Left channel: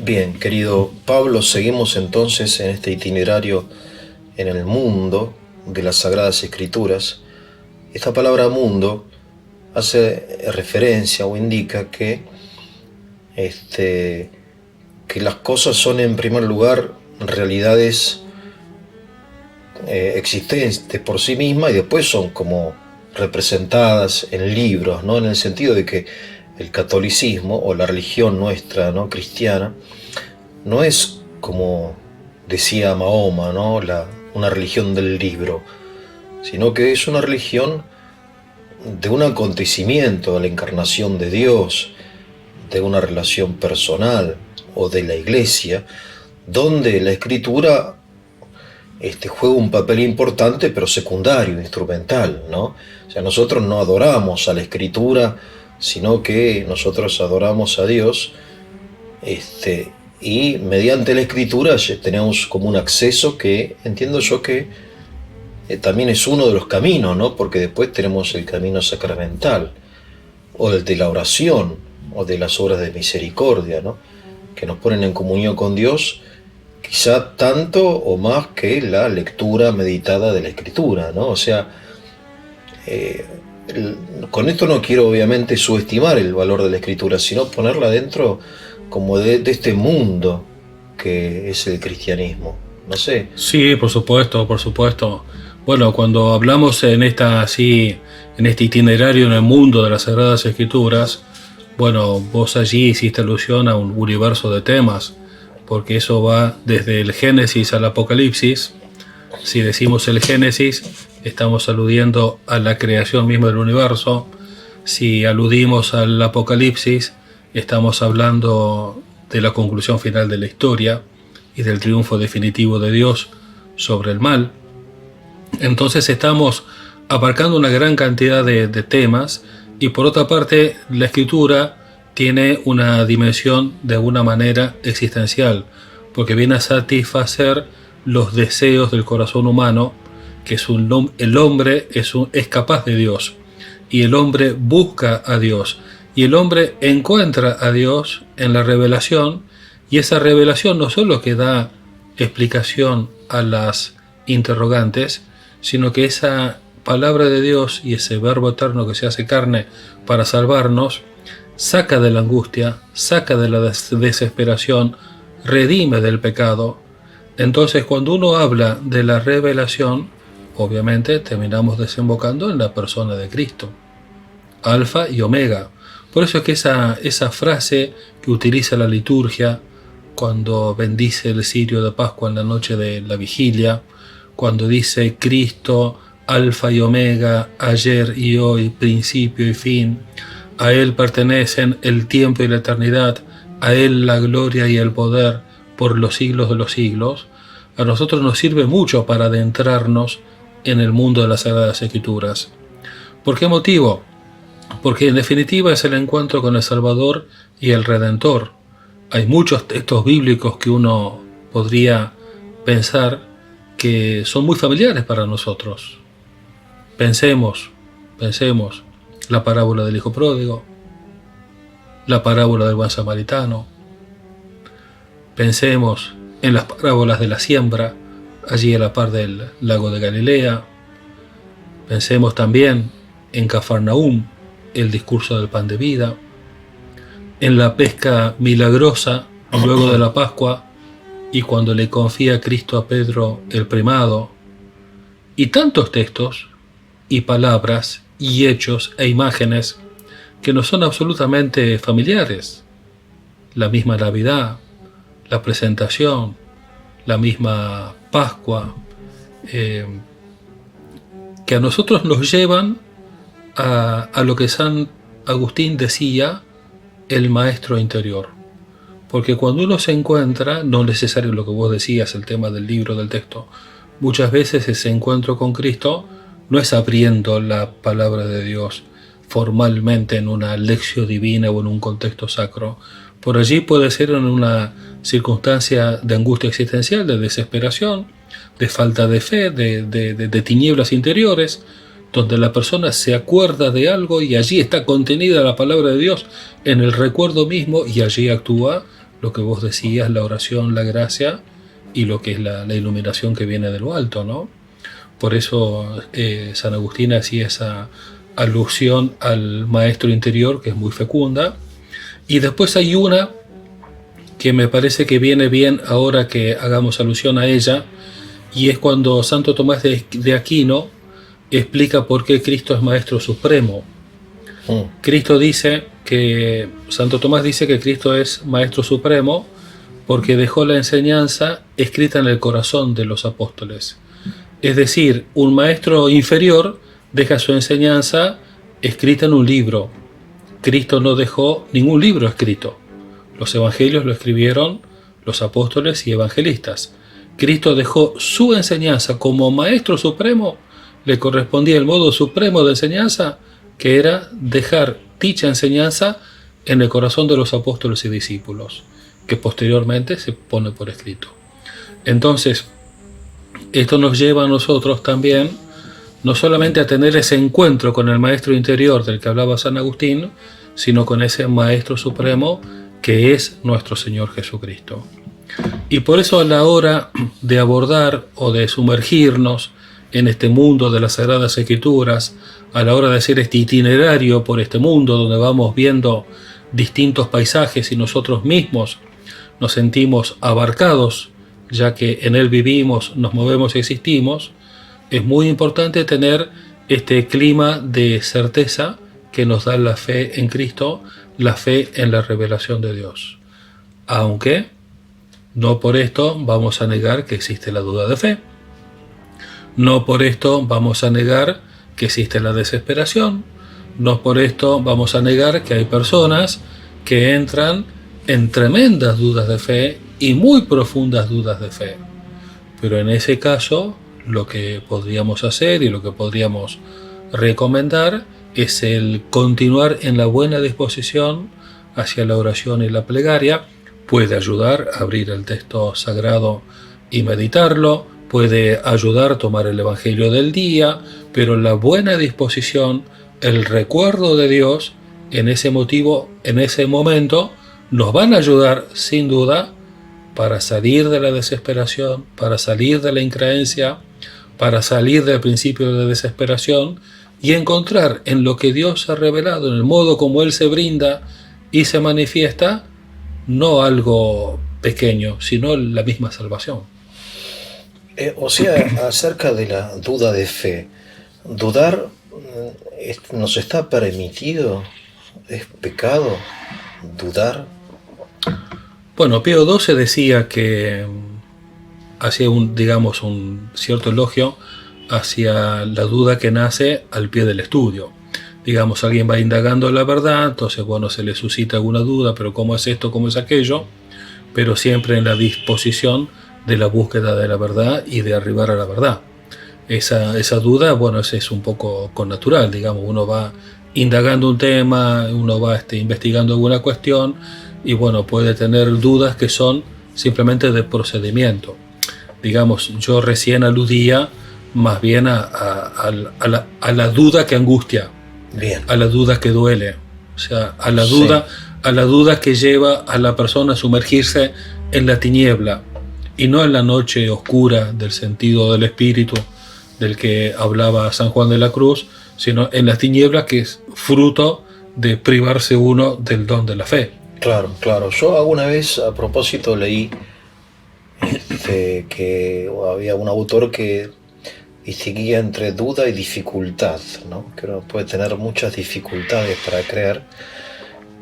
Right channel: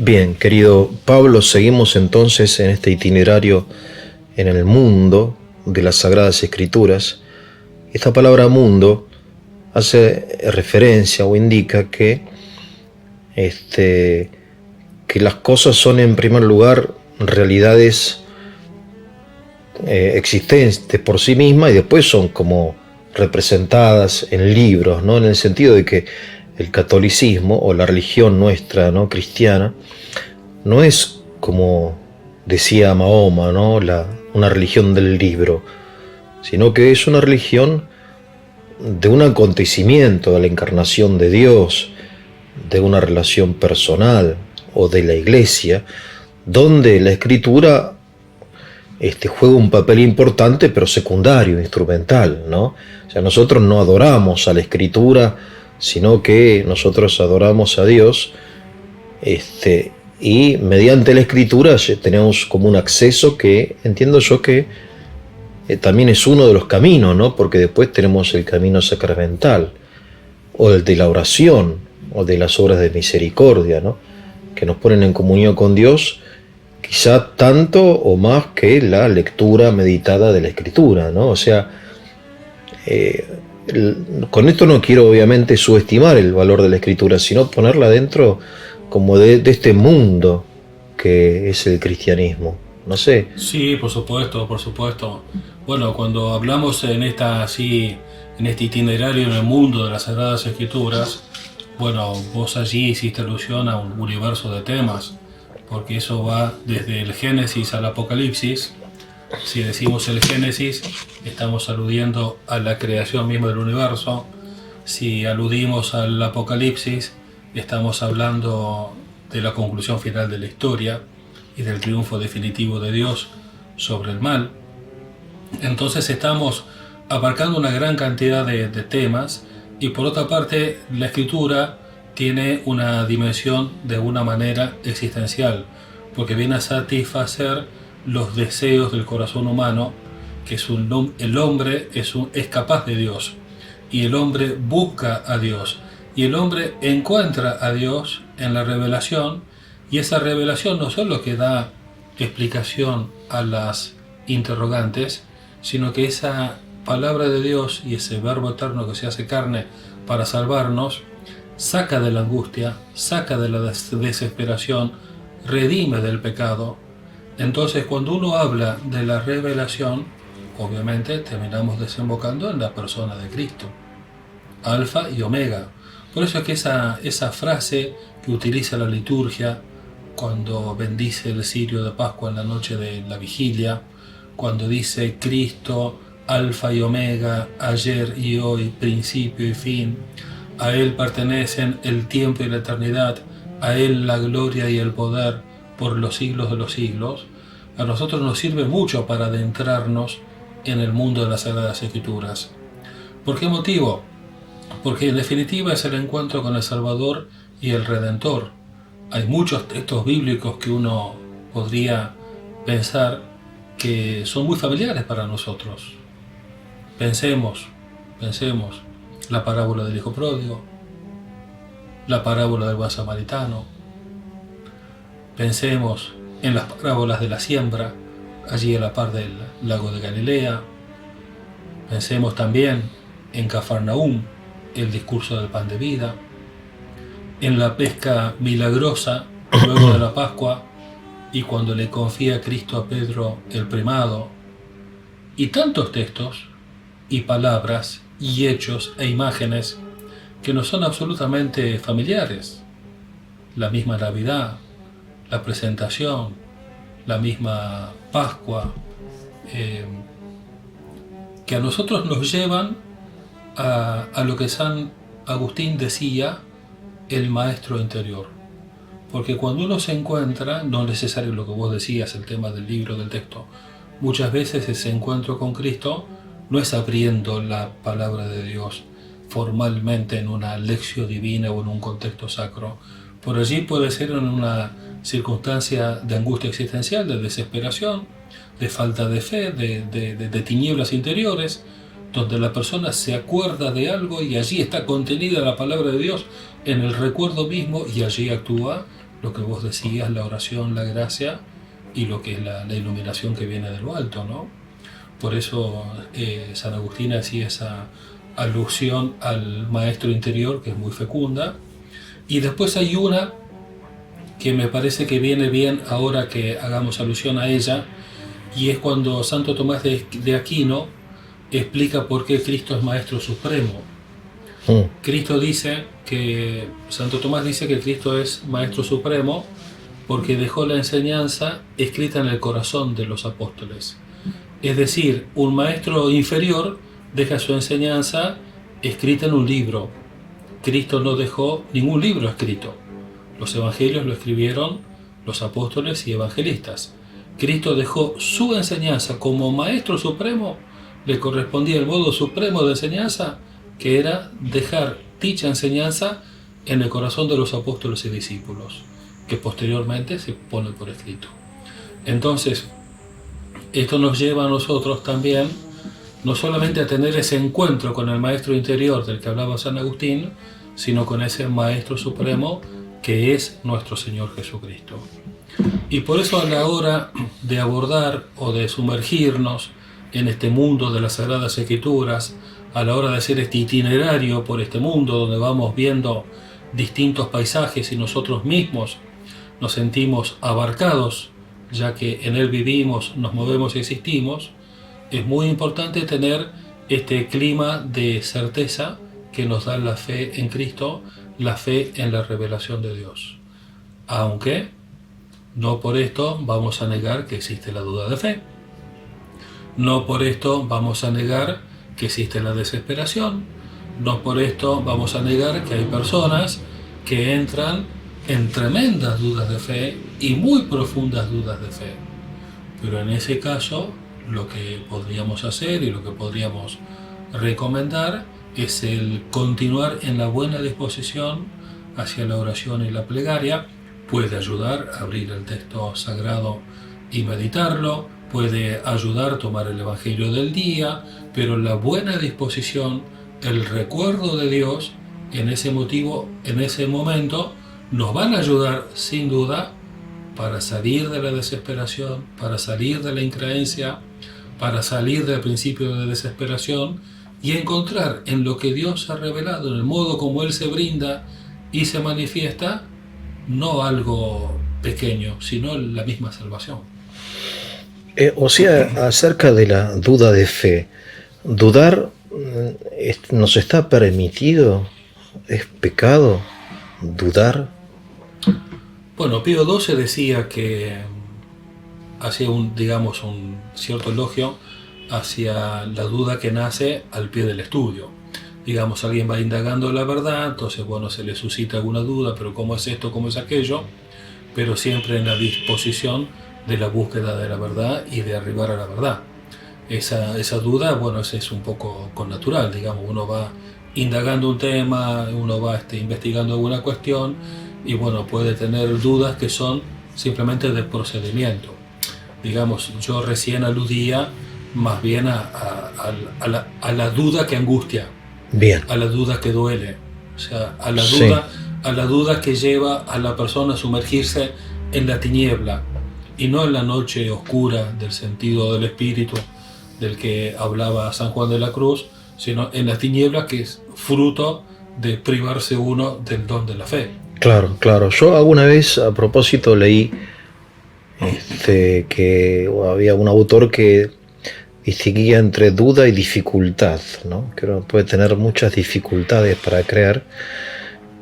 Bien, querido Pablo, seguimos entonces en este itinerario en el mundo de las Sagradas Escrituras. Esta palabra mundo hace referencia o indica este, que las cosas son en primer lugar realidades existentes por sí mismas y después son como representadas en libros, ¿no? En el sentido de que el catolicismo o la religión nuestra, ¿no? Cristiana, no es como decía Mahoma, ¿no? Una religión del libro, sino que es una religión de un acontecimiento, de la encarnación de Dios, de una relación personal o de la iglesia, donde la escritura juega un papel importante, pero secundario, instrumental, ¿no? O sea, nosotros no adoramos a la escritura, sino que nosotros adoramos a Dios, y mediante la escritura tenemos como un acceso que entiendo yo que también es uno de los caminos, ¿no? Porque después tenemos el camino sacramental, o el de la oración, o de las obras de misericordia, ¿no? Que nos ponen en comunión con Dios, quizá tanto o más que la lectura meditada de la escritura, ¿no? O sea, eh, con esto no quiero obviamente subestimar el valor de la escritura, sino ponerla dentro como de este mundo que es el cristianismo. No sé. Sí, por supuesto, por supuesto. Bueno, cuando hablamos en en este itinerario en el mundo de las Sagradas Escrituras, bueno, vos allí hiciste alusión a un universo de temas, porque eso va desde el Génesis al Apocalipsis. Si decimos el Génesis, estamos aludiendo a la creación misma del universo. Si aludimos al Apocalipsis, estamos hablando de la conclusión final de la historia y del triunfo definitivo de Dios sobre el mal. Entonces estamos abarcando una gran cantidad de temas, y por otra parte la escritura tiene una dimensión de alguna manera existencial, porque viene a satisfacer los deseos del corazón humano, que es el hombre es capaz de Dios, y el hombre busca a Dios, y el hombre encuentra a Dios en la revelación, y esa revelación no solo que da explicación a las interrogantes, sino que esa palabra de Dios y ese verbo eterno que se hace carne para salvarnos, saca de la angustia, saca de la desesperación, redime del pecado. Entonces, cuando uno habla de la revelación, obviamente terminamos desembocando en la persona de Cristo, Alfa y Omega. Por eso es que esa frase que utiliza la liturgia cuando bendice el cirio de Pascua en la noche de la vigilia, cuando dice Cristo, Alfa y Omega, ayer y hoy, principio y fin, a Él pertenecen el tiempo y la eternidad, a Él la gloria y el poder por los siglos de los siglos, a nosotros nos sirve mucho para adentrarnos en el mundo de las Sagradas Escrituras. ¿Por qué motivo? Porque en definitiva es el encuentro con el Salvador y el Redentor. Hay muchos textos bíblicos que uno podría pensar que son muy familiares para nosotros. Pensemos la parábola del hijo pródigo, la parábola del buen samaritano. Pensemos en las parábolas de la siembra, allí a la par del lago de Galilea. Pensemos también en Cafarnaúm, el discurso del pan de vida, en la pesca milagrosa luego de la Pascua y cuando le confía a Cristo a Pedro el primado, y tantos textos y palabras y hechos e imágenes que nos son absolutamente familiares. La misma Navidad, la presentación, la misma Pascua, que a nosotros nos llevan a lo que San Agustín decía, el maestro interior. Porque cuando uno se encuentra, no es necesario lo que vos decías, el tema del libro, del texto, muchas veces ese encuentro con Cristo no es abriendo la palabra de Dios formalmente en una lección divina o en un contexto sacro. Por allí puede ser en una circunstancia de angustia existencial, de desesperación, de falta de fe, de tinieblas interiores, donde la persona se acuerda de algo y allí está contenida la palabra de Dios en el recuerdo mismo y allí actúa lo que vos decías, la oración, la gracia y lo que es la iluminación que viene de lo alto, ¿no? Por eso San Agustín hacía esa alusión al maestro interior, que es muy fecunda. Y después hay una que me parece que viene bien ahora que hagamos alusión a ella, y es cuando Santo Tomás de Aquino explica por qué Cristo es Maestro Supremo. Cristo dice que, Santo Tomás dice que Cristo es Maestro Supremo porque dejó la enseñanza escrita en el corazón de los apóstoles. Es decir, un maestro inferior deja su enseñanza escrita en un libro. Cristo no dejó ningún libro escrito. Los evangelios lo escribieron los apóstoles y evangelistas. Cristo dejó su enseñanza como Maestro Supremo, le correspondía el modo supremo de enseñanza, que era dejar dicha enseñanza en el corazón de los apóstoles y discípulos, que posteriormente se pone por escrito. Entonces, esto nos lleva a nosotros también, no solamente a tener ese encuentro con el Maestro interior del que hablaba San Agustín, sino con ese Maestro Supremo que es nuestro Señor Jesucristo. Y por eso a la hora de abordar o de sumergirnos en este mundo de las Sagradas Escrituras, a la hora de hacer este itinerario por este mundo donde vamos viendo distintos paisajes y nosotros mismos nos sentimos abarcados, ya que en él vivimos, nos movemos y existimos, es muy importante tener este clima de certeza que nos da la fe en Cristo, la fe en la revelación de Dios. Aunque no por esto vamos a negar que existe la duda de fe. No por esto vamos a negar que existe la desesperación. No por esto vamos a negar que hay personas que entran en tremendas dudas de fe y muy profundas dudas de fe. Pero en ese caso, lo que podríamos hacer y lo que podríamos recomendar es el continuar en la buena disposición hacia la oración y la plegaria. Puede ayudar a abrir el texto sagrado y meditarlo, puede ayudar a tomar el Evangelio del día, pero la buena disposición, el recuerdo de Dios en ese momento, nos van a ayudar sin duda para salir de la desesperación, para salir de la increencia, para salir del principio de desesperación y encontrar en lo que Dios ha revelado, en el modo como Él se brinda y se manifiesta, no algo pequeño, sino la misma salvación. O sea, acerca de la duda de fe, dudar nos está permitido, es pecado dudar. Bueno, Pío XII decía que hacía un cierto elogio hacia la duda que nace al pie del estudio. Digamos, alguien va indagando la verdad, entonces, bueno, se le suscita alguna duda, pero ¿cómo es esto, cómo es aquello? Pero siempre en la disposición de la búsqueda de la verdad y de arribar a la verdad. Esa duda, bueno, es un poco connatural, digamos, uno va indagando un tema, uno va investigando alguna cuestión y, bueno, puede tener dudas que son simplemente de procedimiento. Digamos, yo recién aludía más bien a la duda que angustia. Bien. A la duda que duele, o sea, a la duda que lleva a la persona a sumergirse en la tiniebla y no en la noche oscura del sentido del espíritu del que hablaba San Juan de la Cruz, sino en la tiniebla que es fruto de privarse uno del don de la fe. Claro, claro. Yo alguna vez a propósito leí que había un autor que distinguía entre duda y dificultad, ¿no? Que uno puede tener muchas dificultades para creer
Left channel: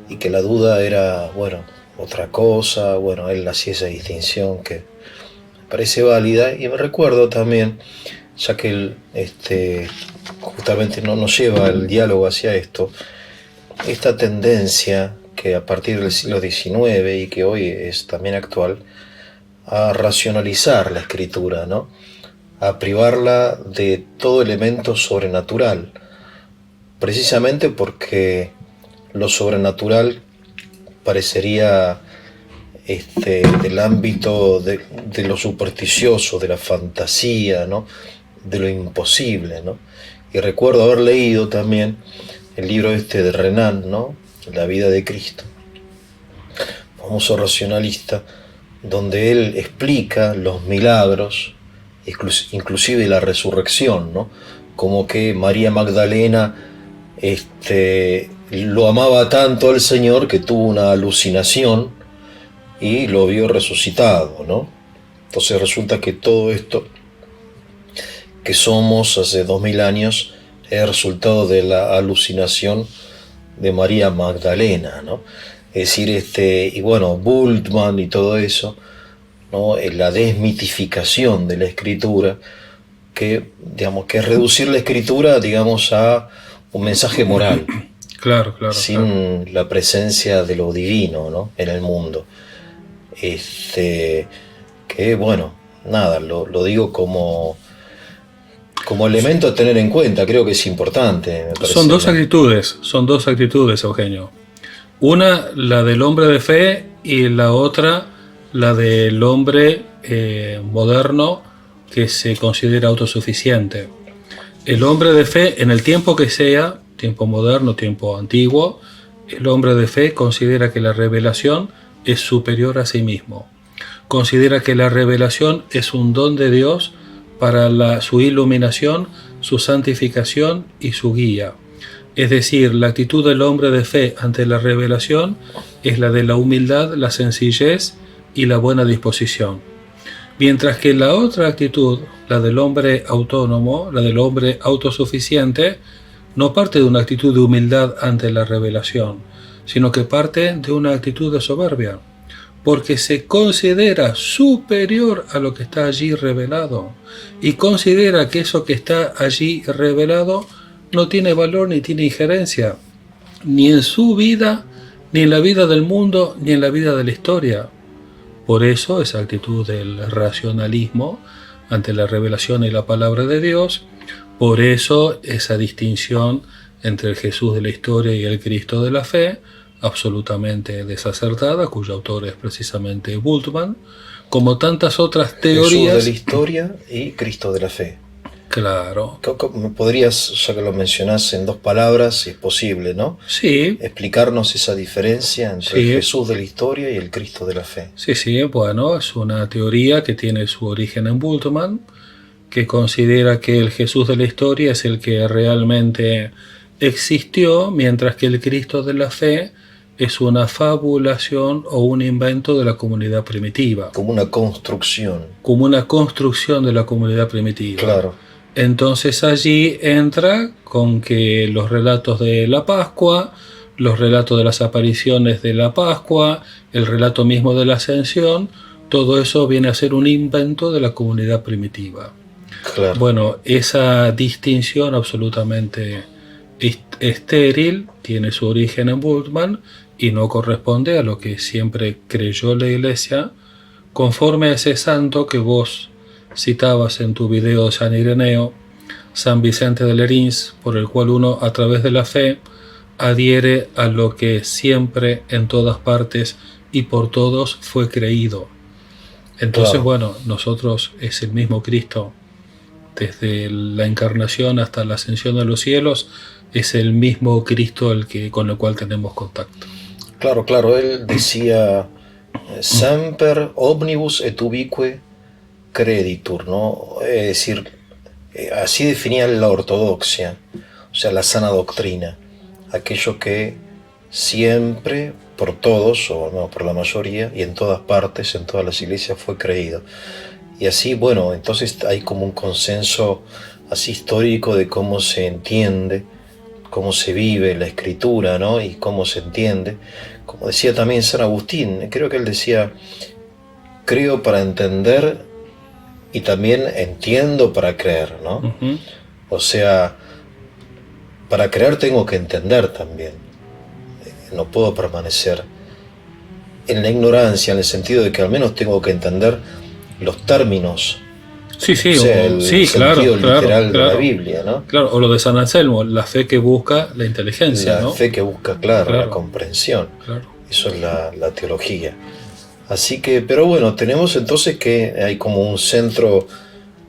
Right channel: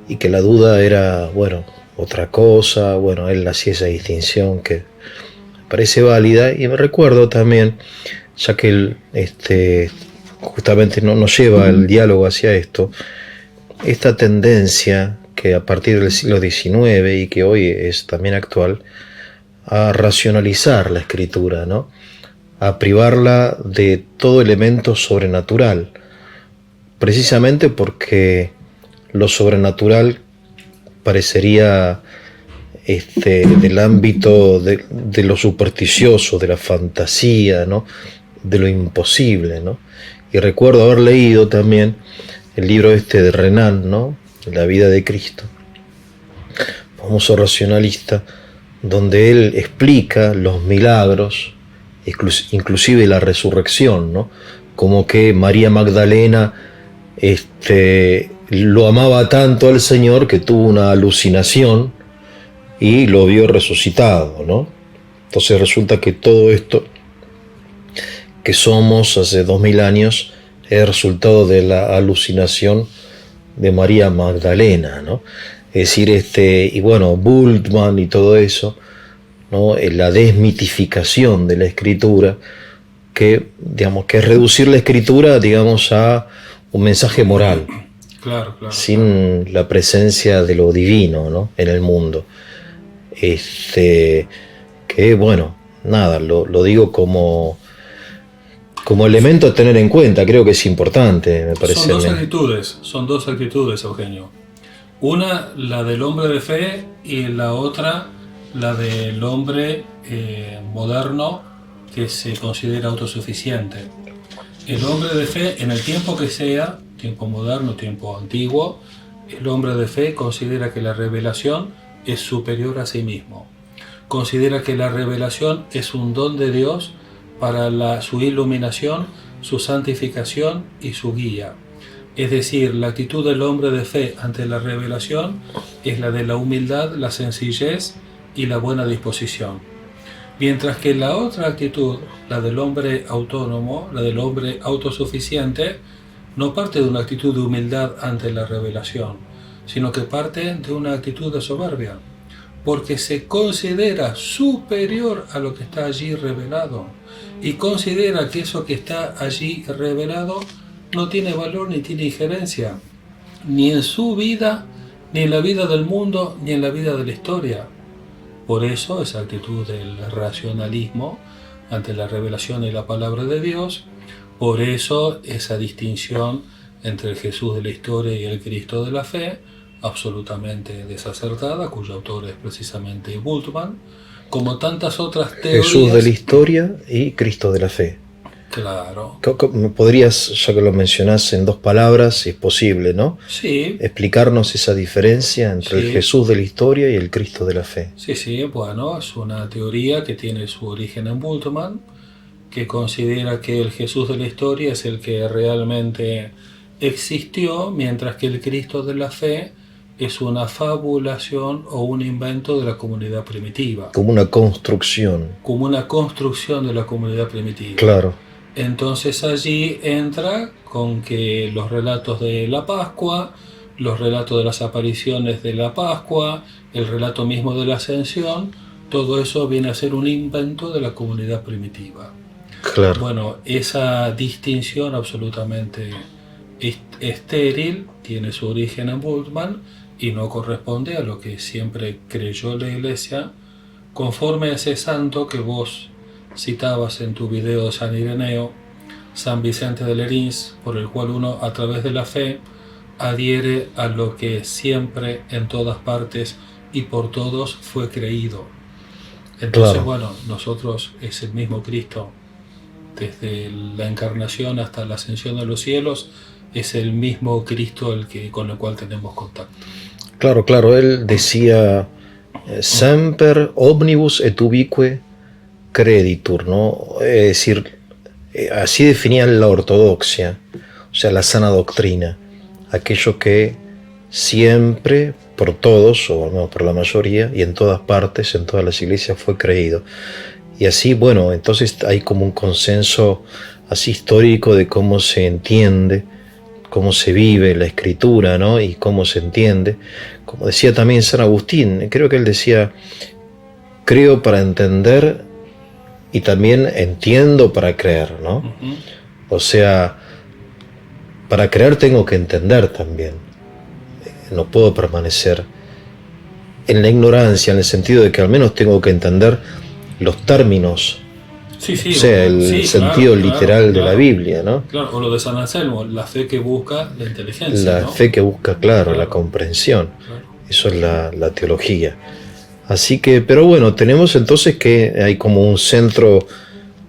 y que la duda era, bueno, otra cosa. Bueno, él hacía esa distinción que me parece válida y me recuerdo también, ya que él justamente no nos lleva el diálogo hacia esto, esta tendencia que a partir del siglo XIX y que hoy es también actual, a racionalizar la escritura, ¿no? A privarla de todo elemento sobrenatural, precisamente porque lo sobrenatural parecería del ámbito de lo supersticioso, de la fantasía, ¿no? De lo imposible, ¿no? Y recuerdo haber leído también el libro de Renan, ¿no? La vida de Cristo, famoso racionalista, donde él explica los milagros, inclusive la resurrección, ¿no? Como que María Magdalena lo amaba tanto al Señor que tuvo una alucinación y lo vio resucitado, ¿no? Entonces resulta que todo esto que somos hace 2000 años es resultado de la alucinación de María Magdalena, ¿no? Es decir, y bueno, Bultmann y todo eso, ¿no? La desmitificación de la escritura, que, digamos, que es reducir la escritura, digamos, a un mensaje moral. Claro, sin la presencia de lo divino, ¿no? En el mundo. Que bueno, nada, lo digo como elemento a tener en cuenta, creo que es importante, me parece. Son dos actitudes, Eugenio. Una, la del hombre de fe, y la otra, la del hombre moderno que se considera autosuficiente. El hombre de fe, en el tiempo que sea, tiempo moderno, tiempo antiguo, el hombre de fe considera que la revelación es superior a sí mismo. Considera que la revelación es un don de Dios para su iluminación, su santificación y su guía. Es decir, la actitud del hombre de fe ante la revelación es la de la humildad, la sencillez y la buena disposición. Mientras que la otra actitud, la del hombre autónomo, la del hombre autosuficiente, no parte de una actitud de humildad ante la revelación, sino que parte de una actitud de soberbia, porque se considera superior a lo que está allí revelado y considera que eso que está allí revelado no tiene valor ni tiene injerencia, ni en su vida, ni en la vida del mundo, ni en la vida de la historia. Por eso esa actitud del racionalismo ante la revelación y la palabra de Dios, por eso esa distinción entre el Jesús de la historia y el Cristo de la fe, absolutamente desacertada, cuyo autor es precisamente Bultmann, como tantas otras teorías. Jesús de la historia y Cristo de la fe. Claro. ¿Me podrías, ya que lo mencionás en 2 palabras, si es posible, ¿no? Sí. Explicarnos esa diferencia entre el Jesús de la historia y el Cristo de la fe. Sí, bueno, es una teoría que tiene su origen en Bultmann, que considera que el Jesús de la historia es el que realmente existió, mientras que el Cristo de la fe es una fabulación o un invento de la comunidad primitiva. Como una construcción. Como una construcción de la comunidad primitiva. Claro. Entonces allí entra con que los relatos de la Pascua, los relatos de las apariciones de la Pascua, el relato mismo de la Ascensión, todo eso viene a ser un invento de la comunidad primitiva. Claro. Bueno, esa distinción absolutamente estéril tiene su origen en Bultmann y no corresponde a lo que siempre creyó la Iglesia, conforme a ese santo que vos citabas en tu video de San Ireneo, San Vicente de Lerins, por el cual uno a través de la fe adhiere a lo que siempre, en todas partes y por todos fue creído. Entonces, claro. Bueno, nosotros es el mismo Cristo, desde la encarnación hasta la ascensión a los cielos, es el mismo Cristo con el cual tenemos contacto. Claro, él decía semper omnibus et ubique creditur, ¿no? Es decir, así definía la ortodoxia, o sea, la sana doctrina, aquello que siempre, por todos, o no, por la mayoría, y en todas partes, en todas las iglesias fue creído. Y así, bueno, entonces hay como un consenso así histórico de cómo se entiende, cómo se vive la escritura, ¿no? Y cómo se entiende. Como decía también San Agustín, creo que él decía, creo para entender y también entiendo para creer, ¿no? Uh-huh. O sea, para creer tengo que entender también. No puedo permanecer en la ignorancia, en el sentido de que al menos tengo que entender los términos. Sí, o sea, el sentido literal de la Biblia, ¿no? Claro, o lo de San Anselmo, la fe que busca la inteligencia, La fe que busca, claro, la Claro. comprensión. Claro. Eso es la teología. Así que, pero bueno, tenemos entonces que hay como un centro,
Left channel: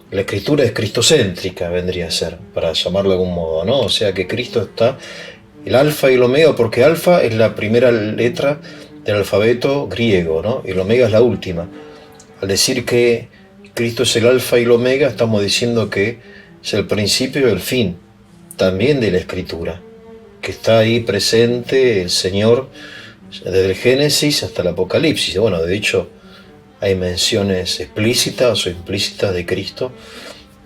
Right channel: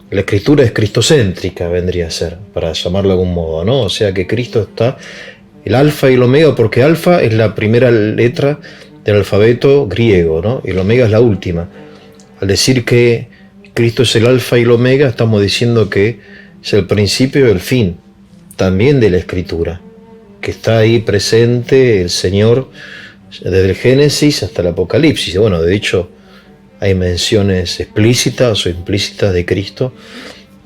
la escritura es cristocéntrica, vendría a ser, para llamarlo de algún modo, ¿no? O sea que Cristo está, el alfa y el omega, porque alfa es la primera letra del alfabeto griego, ¿no? Y el omega es la última. Al decir que Cristo es el alfa y el omega, estamos diciendo que es el principio y el fin, también de la Escritura, que está ahí presente el Señor desde el Génesis hasta el Apocalipsis. Bueno, de hecho, hay menciones explícitas o implícitas de Cristo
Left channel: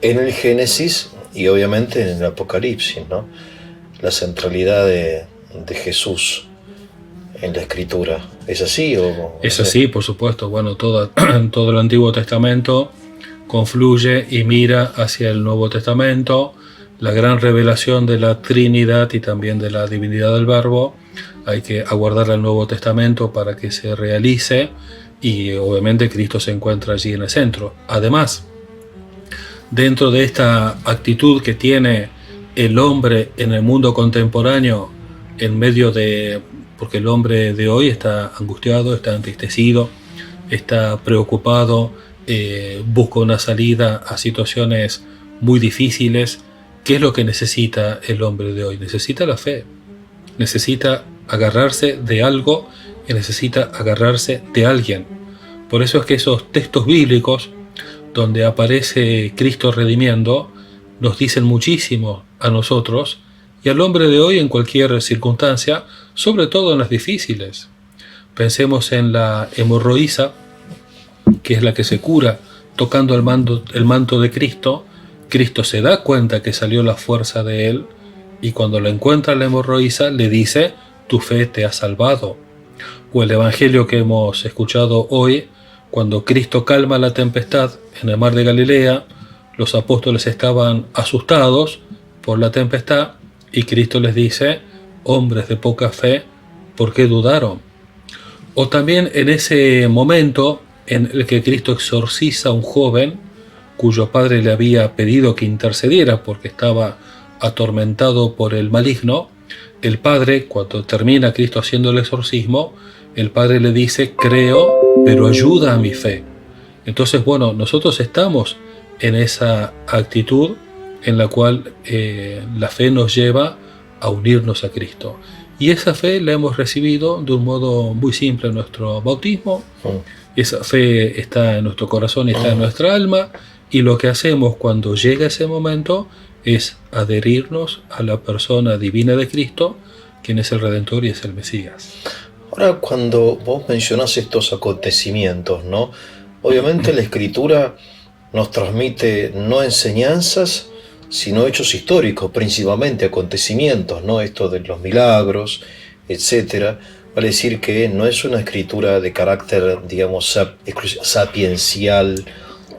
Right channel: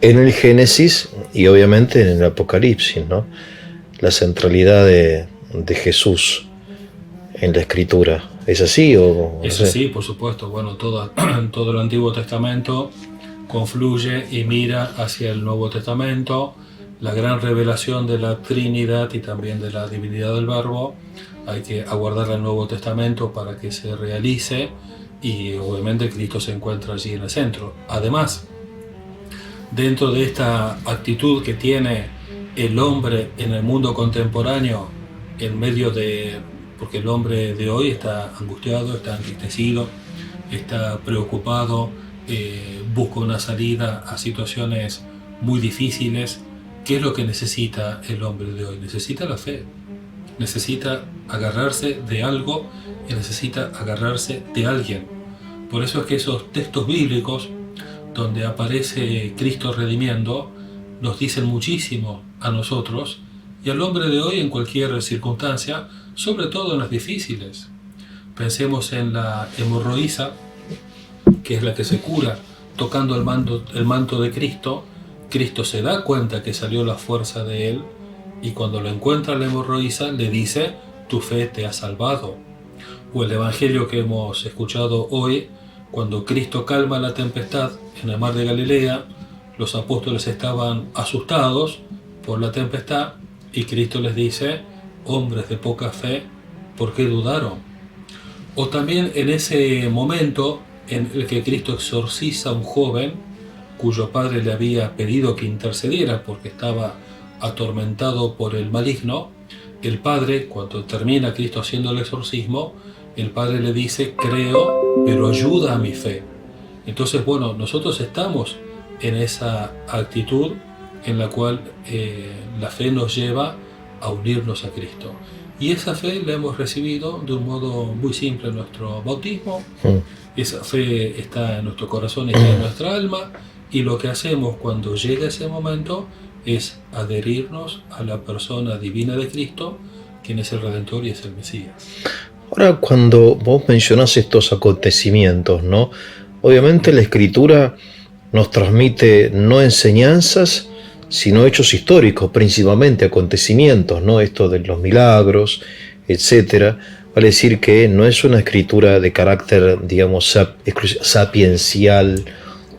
en el Génesis y obviamente en el Apocalipsis, ¿no? La centralidad de Jesús en la Escritura. ¿Es así o Es así, por supuesto. Bueno, todo el Antiguo Testamento confluye y mira hacia el Nuevo Testamento, la gran revelación de la Trinidad y también de la divinidad del Verbo. Hay que aguardar al Nuevo Testamento para que se realice y obviamente Cristo se encuentra allí en el centro. Además, dentro de esta actitud que tiene el hombre en el mundo contemporáneo, en medio de... porque el hombre de hoy está angustiado, está entristecido, está preocupado, busca una salida a situaciones muy difíciles. ¿Qué es lo que necesita el hombre de hoy? Necesita la fe, necesita agarrarse de algo y necesita agarrarse de alguien. Por eso es que esos textos bíblicos donde aparece Cristo redimiendo nos dicen muchísimo a nosotros y al hombre de hoy en cualquier circunstancia, sobre todo en las difíciles. Pensemos en la hemorroísa, que es la que se cura tocando el manto de Cristo. Cristo se da cuenta que salió la fuerza de él y cuando lo encuentra la hemorroísa le dice: tu fe te ha salvado. O el evangelio que hemos escuchado hoy, cuando Cristo calma la tempestad en el mar de Galilea, los apóstoles estaban asustados por la tempestad y Cristo les dice: hombres de poca fe, ¿por qué dudaron? O también en ese momento en el que Cristo exorciza a un joven cuyo padre le había pedido que intercediera porque estaba atormentado por el maligno, el padre, cuando termina Cristo haciendo el exorcismo, el padre le dice: creo, pero ayuda a mi fe. Entonces, bueno, nosotros estamos en esa actitud en la cual la fe nos lleva a unirnos a Cristo. Y esa fe la hemos recibido de un modo muy simple en nuestro bautismo. Esa fe está en nuestro corazón y está en nuestra alma. Y lo que hacemos cuando llega ese momento es adherirnos a la persona divina de Cristo, quien es el Redentor y es el Mesías. Ahora, cuando vos mencionás estos acontecimientos, ¿no? Obviamente la Escritura nos transmite no enseñanzas, sino hechos históricos, principalmente acontecimientos, ¿no? Esto de los milagros, etcétera. Vale decir que no es una escritura de carácter, digamos, sapiencial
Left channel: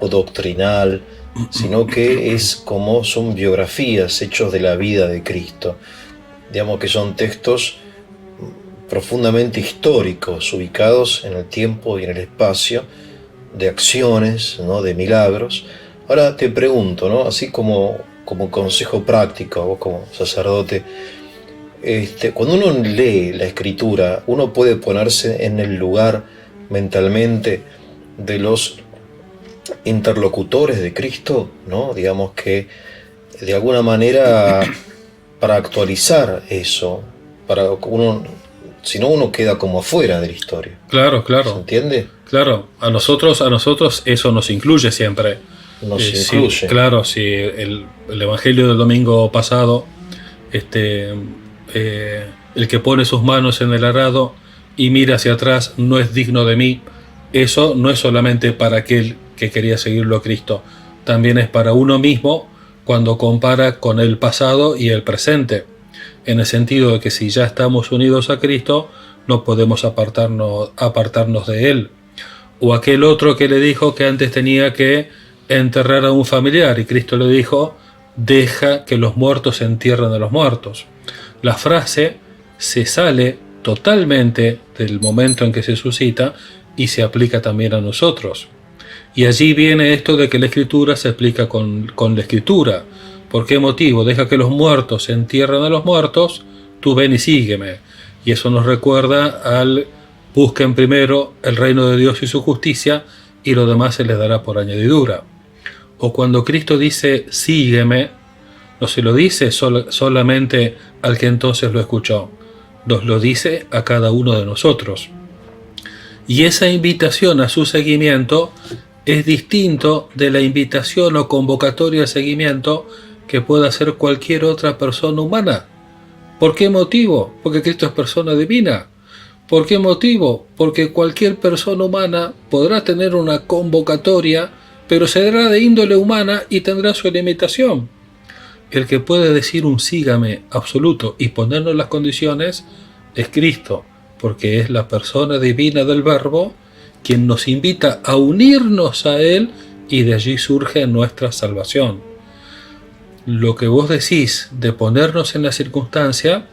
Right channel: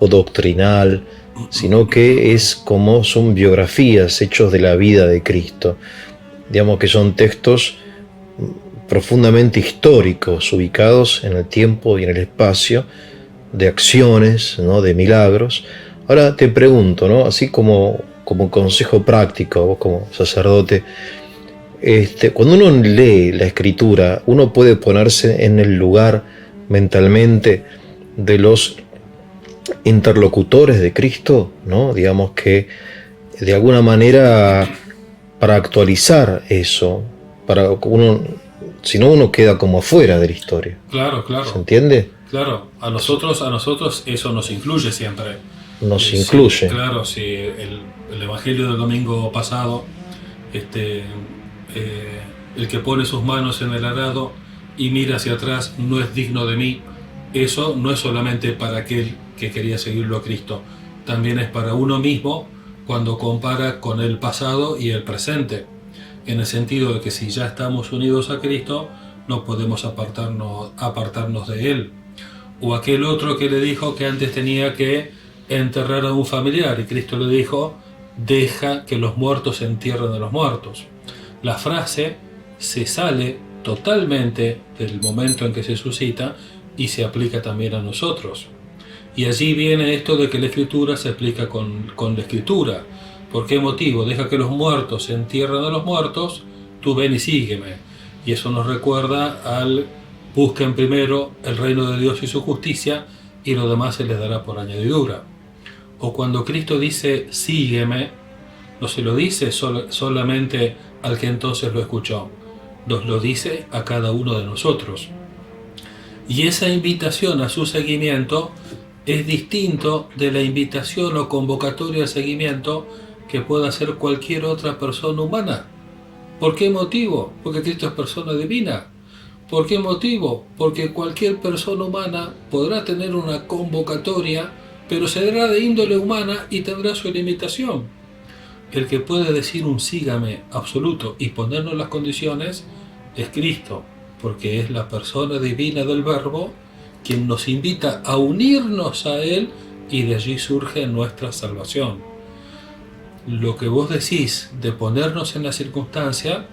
o doctrinal, sino que es como son biografías, hechos de la vida de Cristo. Digamos que son textos profundamente históricos, ubicados en el tiempo y en el espacio, de acciones, ¿no? De milagros. Ahora te pregunto, ¿no? Así como consejo práctico, vos como sacerdote, cuando uno lee la Escritura, uno puede ponerse en el lugar mentalmente de los interlocutores de Cristo, ¿no? Digamos que de alguna manera para actualizar eso, para uno, si no uno queda como afuera de la historia. Claro. ¿Se entiende? Claro, a nosotros eso nos incluye siempre. Nos incluye. Sí, claro, sí, el evangelio del domingo pasado, el que pone sus manos en el arado y mira hacia atrás no es digno de mí. Eso no es solamente para aquel que quería seguirlo a Cristo, también es para uno mismo cuando compara con el pasado y el presente, en el sentido de que si ya estamos unidos a Cristo, no podemos apartarnos de Él. O aquel otro que le dijo que antes tenía que enterrar a un familiar y Cristo le dijo: deja que los muertos entierren a los muertos. La frase se sale totalmente del momento en que se suscita y se aplica también a nosotros. Y allí viene esto de que la Escritura se explica con la Escritura. ¿Por qué motivo? Deja que los muertos entierren a los muertos, tú ven y sígueme. Y eso nos recuerda al: busquen primero el reino de Dios y su justicia y lo demás se les dará por añadidura. O cuando Cristo dice sígueme, no se lo dice solamente al que entonces lo escuchó, nos lo dice a cada uno de nosotros. Y esa invitación a su seguimiento es distinto de la invitación o convocatoria a seguimiento que pueda hacer cualquier otra persona humana. ¿Por qué motivo? Porque Cristo es persona divina. ¿Por qué motivo? Porque cualquier persona humana podrá tener una convocatoria, pero será de índole humana y tendrá su limitación. El que puede decir un sígame absoluto y ponernos las condiciones es Cristo, porque es la persona divina del Verbo quien nos invita a unirnos a Él y de allí surge nuestra salvación. Lo que vos decís de ponernos en la circunstancia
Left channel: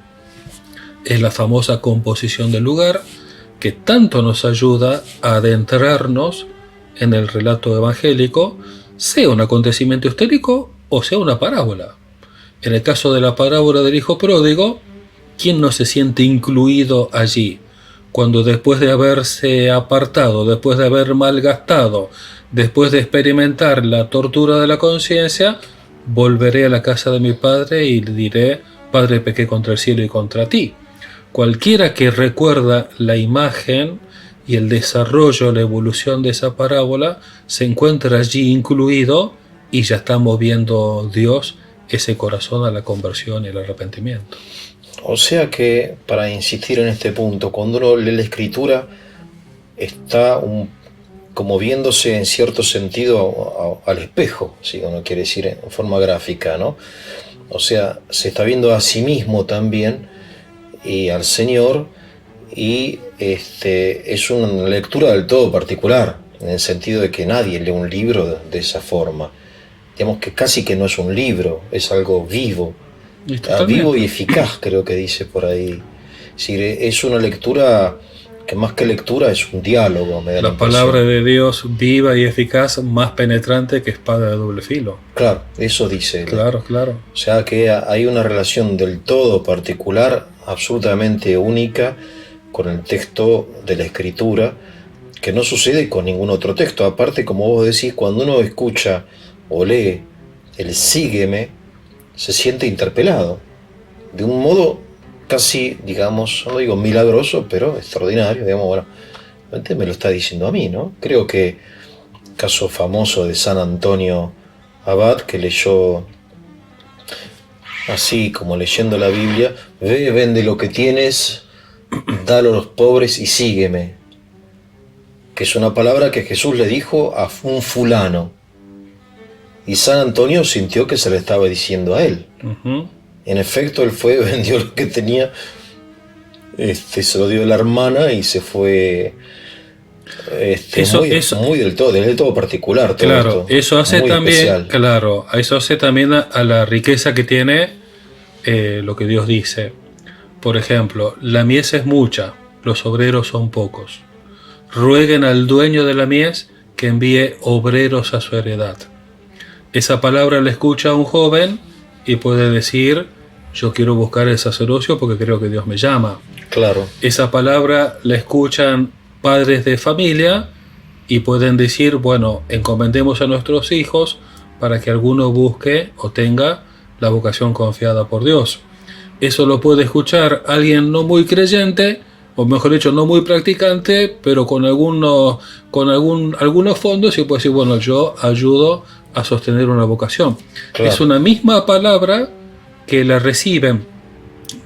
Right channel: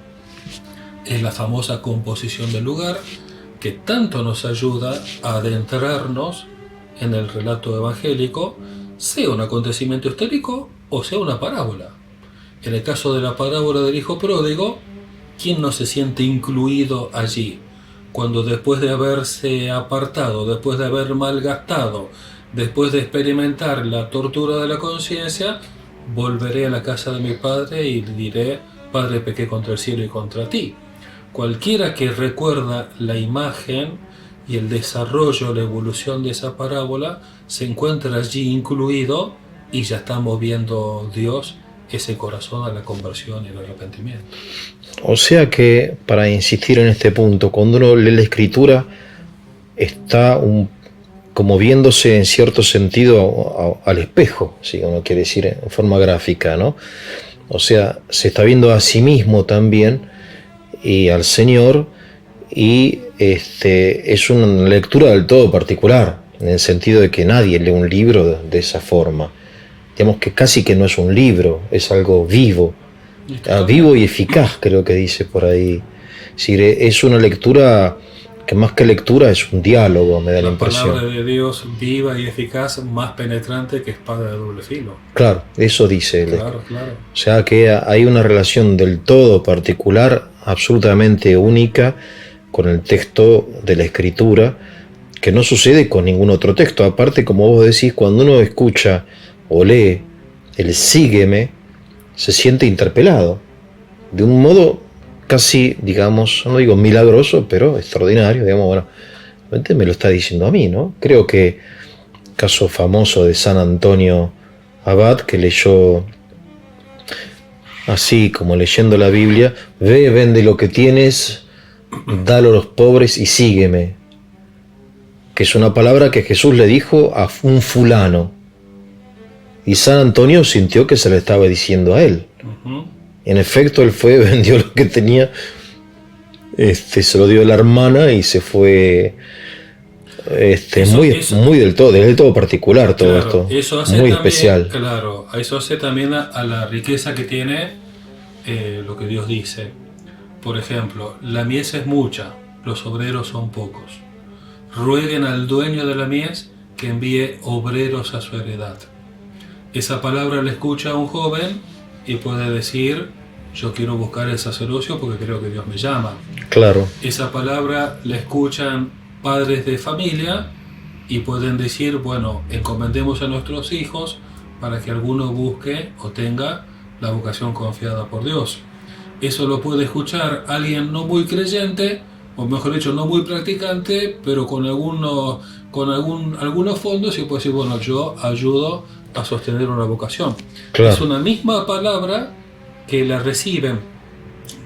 es la famosa composición del lugar que tanto nos ayuda a adentrarnos en el relato evangélico, sea un acontecimiento histórico o sea una parábola. En el caso de la parábola del hijo pródigo, ¿quién no se siente incluido allí? Cuando después de haberse apartado, después de haber malgastado, después de experimentar la tortura de la conciencia, volveré a la casa de mi padre y le diré: Padre, pequé contra el cielo y contra ti. Cualquiera que recuerda la imagen y el desarrollo, la evolución de esa parábola, se encuentra allí incluido y ya está moviendo Dios ese corazón a la conversión y el arrepentimiento. O sea que, para insistir en este punto, cuando uno lee la Escritura, está como viéndose en cierto sentido al espejo, si uno quiere decir en forma gráfica, ¿no? O sea, se está viendo a sí mismo también y al Señor, y es una lectura del todo particular, en el sentido de que nadie lee un libro de esa forma. Digamos que casi que no es un libro, es algo vivo. Vivo y eficaz, creo que dice por ahí. Es una lectura que más que lectura es un diálogo, me da la impresión. La palabra de Dios viva y eficaz, más penetrante que espada de doble filo. Claro, eso dice. Claro. O sea que hay una relación del todo particular, absolutamente única, con el texto de la Escritura, que no sucede con ningún otro texto. Aparte, como vos decís, cuando uno escucha o lee el sígueme, se siente interpelado, de un modo casi, digamos, no digo milagroso, pero extraordinario, digamos, bueno, realmente me lo está diciendo a mí, ¿no? Creo que caso famoso de San Antonio Abad, que leyó así como leyendo la Biblia: ve, vende lo que tienes, dalo a los pobres y sígueme, que es una palabra que Jesús le dijo a un fulano. Y San Antonio sintió que se le estaba diciendo a él. En efecto, él fue, vendió lo que tenía, se lo dio a la hermana y se fue. Muy del todo particular todo esto. Eso hace muy también, especial. Claro, eso hace también a la riqueza que tiene lo que Dios dice. Por ejemplo, la mies es mucha, los obreros son pocos. Rueguen al dueño de la mies que envíe obreros a su heredad. Esa palabra la escucha un joven y puede decir: yo quiero buscar el sacerdocio porque creo que Dios me llama. Claro. Esa palabra la escuchan padres de familia y pueden decir: bueno, encomendemos a nuestros hijos para que alguno busque o tenga la vocación confiada por Dios. Eso lo puede escuchar alguien no muy creyente, o mejor dicho, no muy practicante, pero con algunos fondos, y puede decir: bueno, yo ayudo a sostener una vocación. Claro. Es una misma palabra que la reciben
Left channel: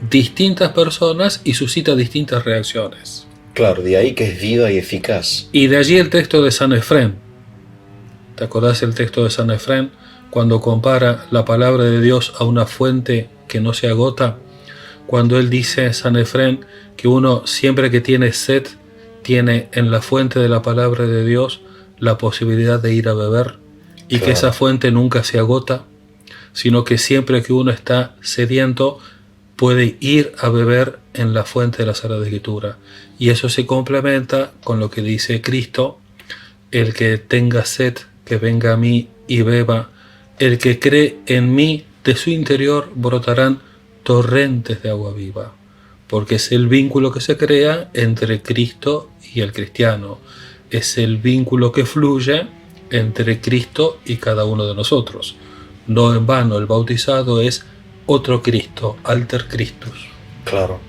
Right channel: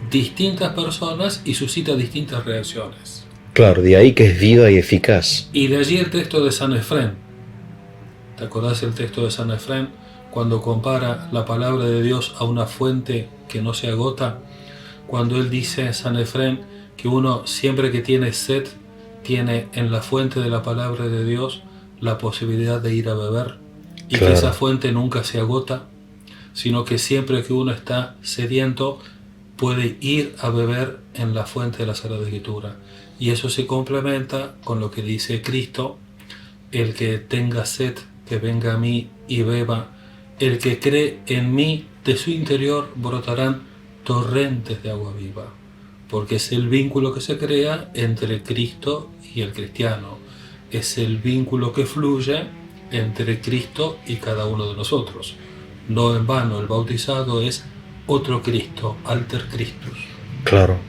distintas personas y suscita distintas reacciones. Claro, de ahí que es viva y eficaz. Y de allí el texto de San Efrén. ¿Te acordás el texto de San Efrén? Cuando compara la palabra de Dios a una fuente que no se agota. Cuando él dice, San Efrén, que uno siempre que tiene sed, tiene en la fuente de la palabra de Dios la posibilidad de ir a beber. Y claro, que esa fuente nunca se agota, sino que siempre que uno está sediento puede ir a beber en la fuente de la Sagrada Escritura. Y eso se complementa con lo que dice Cristo: el que tenga sed, que venga a mí y beba. El que cree en mí, de su interior brotarán torrentes de agua viva. Porque es el vínculo que se crea entre Cristo y el cristiano. Es el vínculo que fluye entre Cristo y cada uno de nosotros. No en vano el bautizado es otro Cristo, alter Christus. Claro.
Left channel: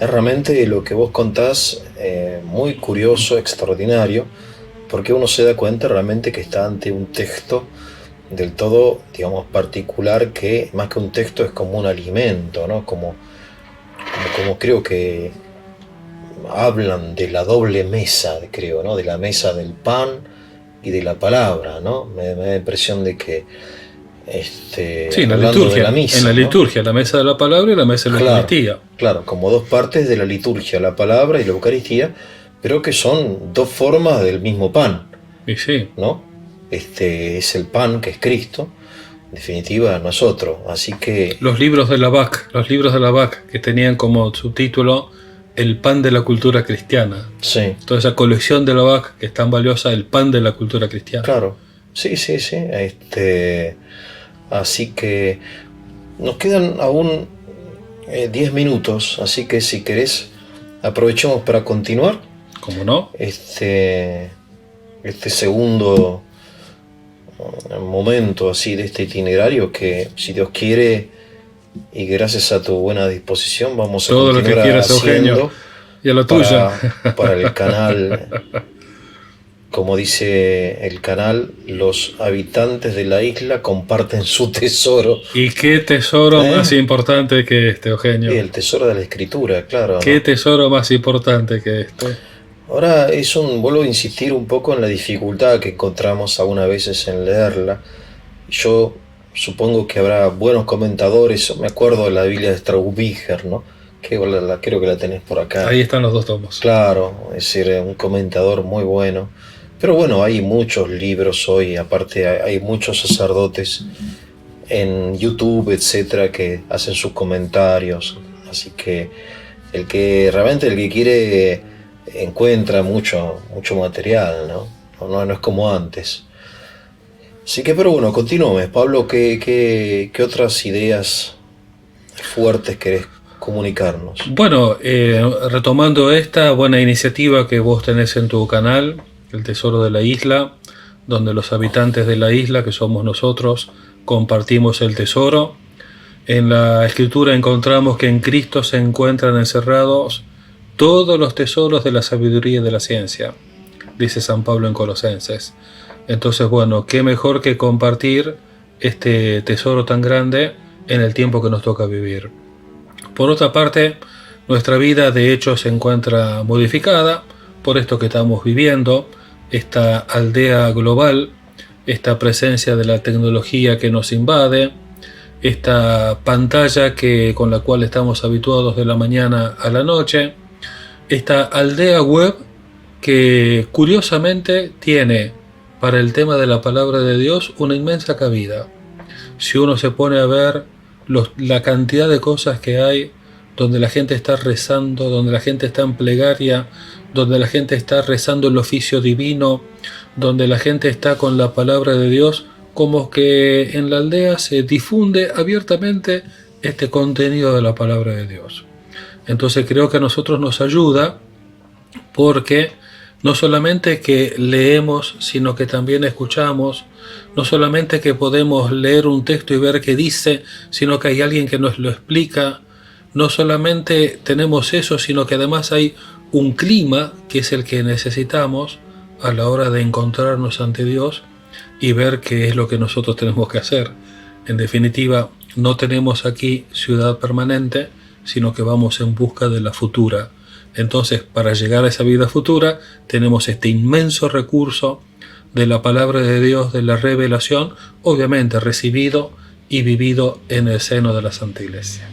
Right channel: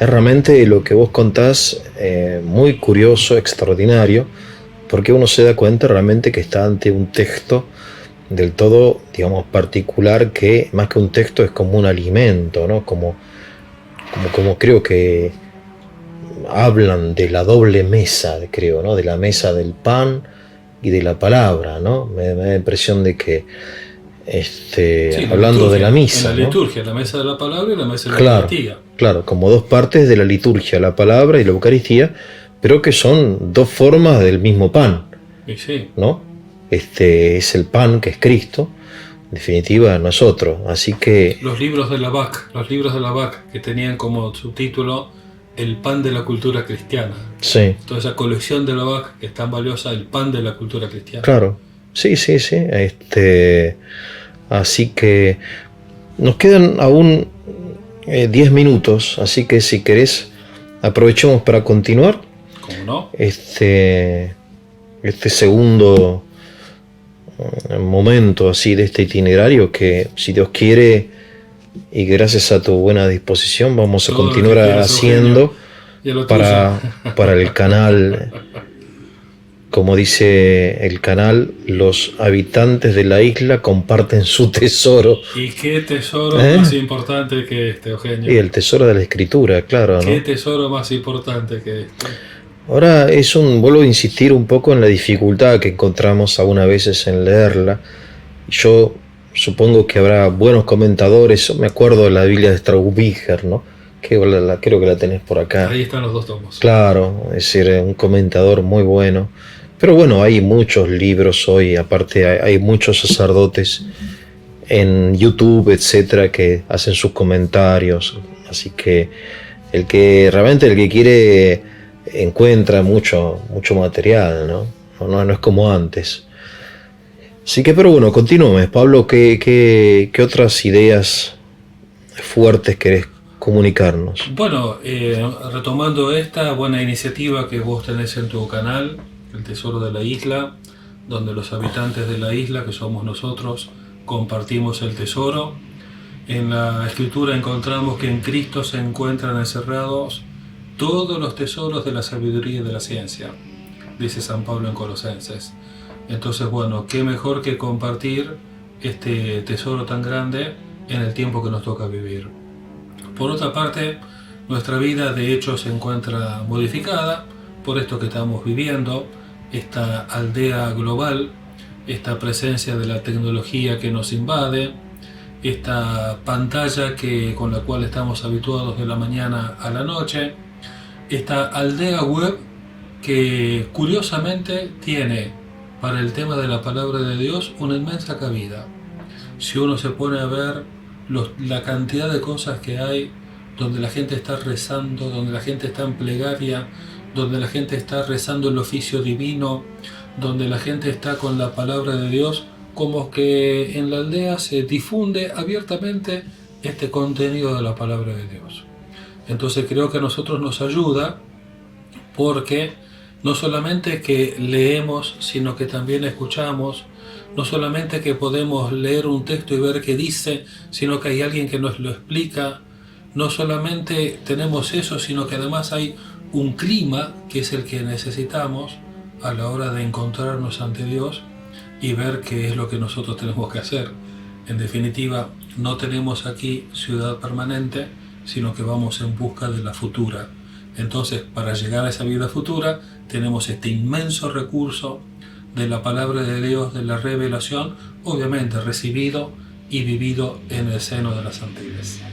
Es realmente lo que vos contás muy curioso, extraordinario, porque uno se da cuenta realmente que está ante un texto del todo, digamos, particular, que más que un texto es como un alimento, ¿no? Como creo que hablan de la doble mesa, creo, ¿no? De la mesa del pan y de la palabra, ¿no? Me da la impresión de que, Sí, la hablando de la liturgia, en misa, la ¿no? liturgia, la mesa de la palabra y la mesa de la Claro, Eucaristía. claro, como dos partes de la liturgia, la palabra y la Eucaristía, pero que son dos formas del mismo pan, Y sí, ¿no? Este es el pan que es Cristo, en definitiva nosotros. Así que, los libros de la BAC que tenían como subtítulo El pan de la cultura cristiana. sí, Toda esa colección de la BAC que es tan valiosa, el pan de la cultura cristiana. claro, sí, sí, sí. Así que nos quedan aún 10 minutos, así que si querés, aprovechemos para continuar ¿Cómo no? este segundo momento así de este itinerario que, si Dios quiere y gracias a tu buena disposición, vamos a Todo lo que continuar quieras, Eugenio, haciendo y a lo tuyo. para el canal. Como dice el canal, los habitantes de la isla comparten su tesoro. ¿Y qué tesoro ¿Eh? más importante que este, Y Eugenio? el tesoro de la escritura, claro, ¿Qué ¿no? tesoro más importante que este? Ahora vuelvo a insistir un poco en la dificultad que encontramos aún a veces en leerla. Yo supongo que habrá buenos comentadores. Me acuerdo de la Biblia de Straubiger, ¿no? Que creo que la tenés por acá. Ahí están los dos tomos. Claro, es decir, un comentador muy bueno. Pero bueno, hay muchos libros hoy, aparte hay muchos sacerdotes en YouTube, etcétera, que hacen sus comentarios. Así que el que quiere encuentra mucho material, ¿no? No es como antes. Así que, pero bueno, continúame, Pablo, ¿qué otras ideas fuertes querés comunicarnos? Bueno, retomando esta buena iniciativa que vos tenés en tu canal, El Tesoro de la Isla, donde los habitantes de la isla, que somos nosotros, compartimos el tesoro. En la Escritura encontramos que en Cristo se encuentran encerrados todos los tesoros de la sabiduría y de la ciencia, dice San Pablo en Colosenses. Entonces, bueno, qué mejor que compartir este tesoro tan grande en el tiempo que nos toca vivir. Por otra parte, nuestra vida de hecho se encuentra modificada por esto que estamos viviendo, esta aldea global, esta presencia de la tecnología que nos invade, esta pantalla con la cual estamos habituados de la mañana a la noche, esta aldea web que curiosamente tiene para el tema de la palabra de Dios una inmensa cabida. Si uno se pone a ver la cantidad de cosas que hay, donde la gente está rezando, donde la gente está en plegaria, donde la gente está rezando el oficio divino, donde la gente está con la palabra de Dios, como que en la aldea se difunde abiertamente este contenido de la palabra de Dios. Entonces creo que a nosotros nos ayuda porque no solamente que leemos, sino que también escuchamos, no solamente que podemos leer un texto y ver qué dice, sino que hay alguien que nos lo explica. No solamente tenemos eso, sino que además hay un clima que es el que necesitamos a la hora de encontrarnos ante Dios y ver qué es lo que nosotros tenemos que hacer. En definitiva, no tenemos aquí ciudad permanente, sino que vamos en busca de la futura. Entonces, para llegar a esa vida futura, tenemos este inmenso recurso de la palabra de Dios, de la revelación, obviamente recibido y vivido en el seno de la Santa Iglesia.